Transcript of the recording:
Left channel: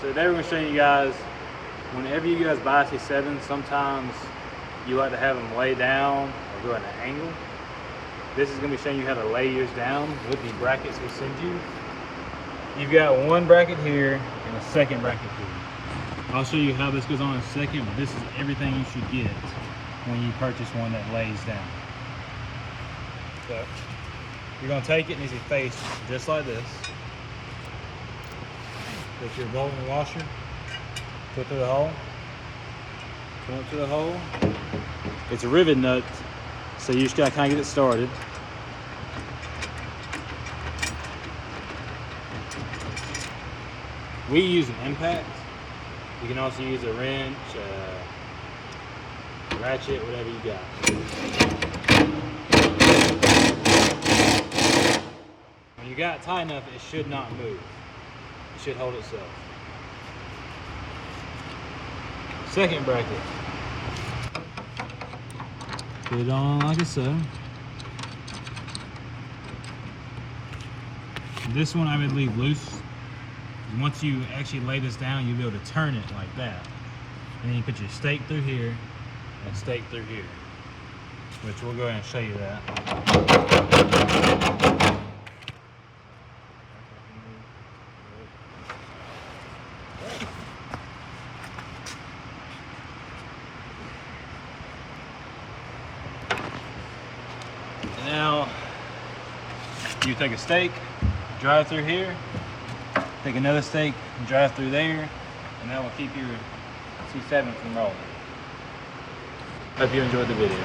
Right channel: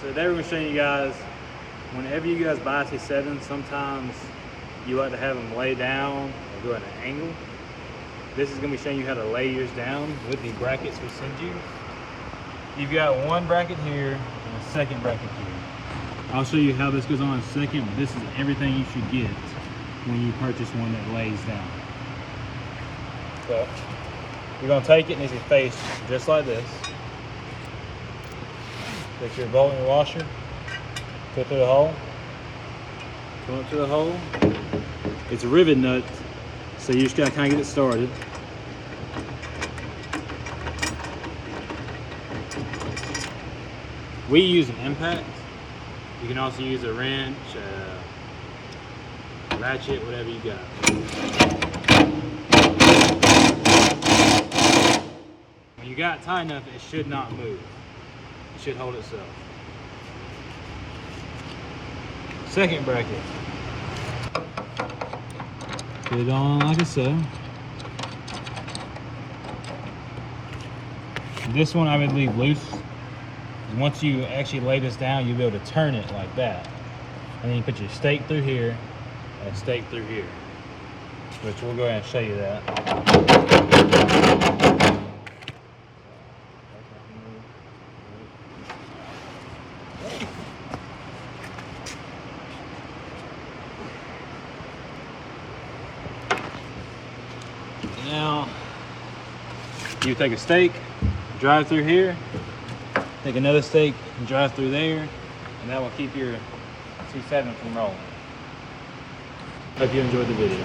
So today we're going to show you guys, whenever you guys buy a C7, sometimes you like to have them lay down or go at an angle. This is going to be showing you how to lay yours down with the brackets we send you. You've got one bracket here and a second bracket here. I'll show you how this goes on in a second, but this is everything you should get when you purchase one that lays down. So you're going to take it and it's a face just like this. Take your bolt and your washer, put through the hole, come up to the hole. It's a rivet nut, so you just gotta kind of get it started. We use an impact. You can also use a wrench, ratchet, whatever you got. When you got it tight enough, it should not move. It should hold itself. Second bracket. Put it on like so. This one I would leave loose. And once you actually lay this down, you'll be able to turn it like that. And then you put your stake through here and a stake through here. Which we'll go ahead and show you that. Now, you take a stake, drive through here, take another stake and drive through there, and that will keep your C7 from rolling. Hope you enjoyed the video.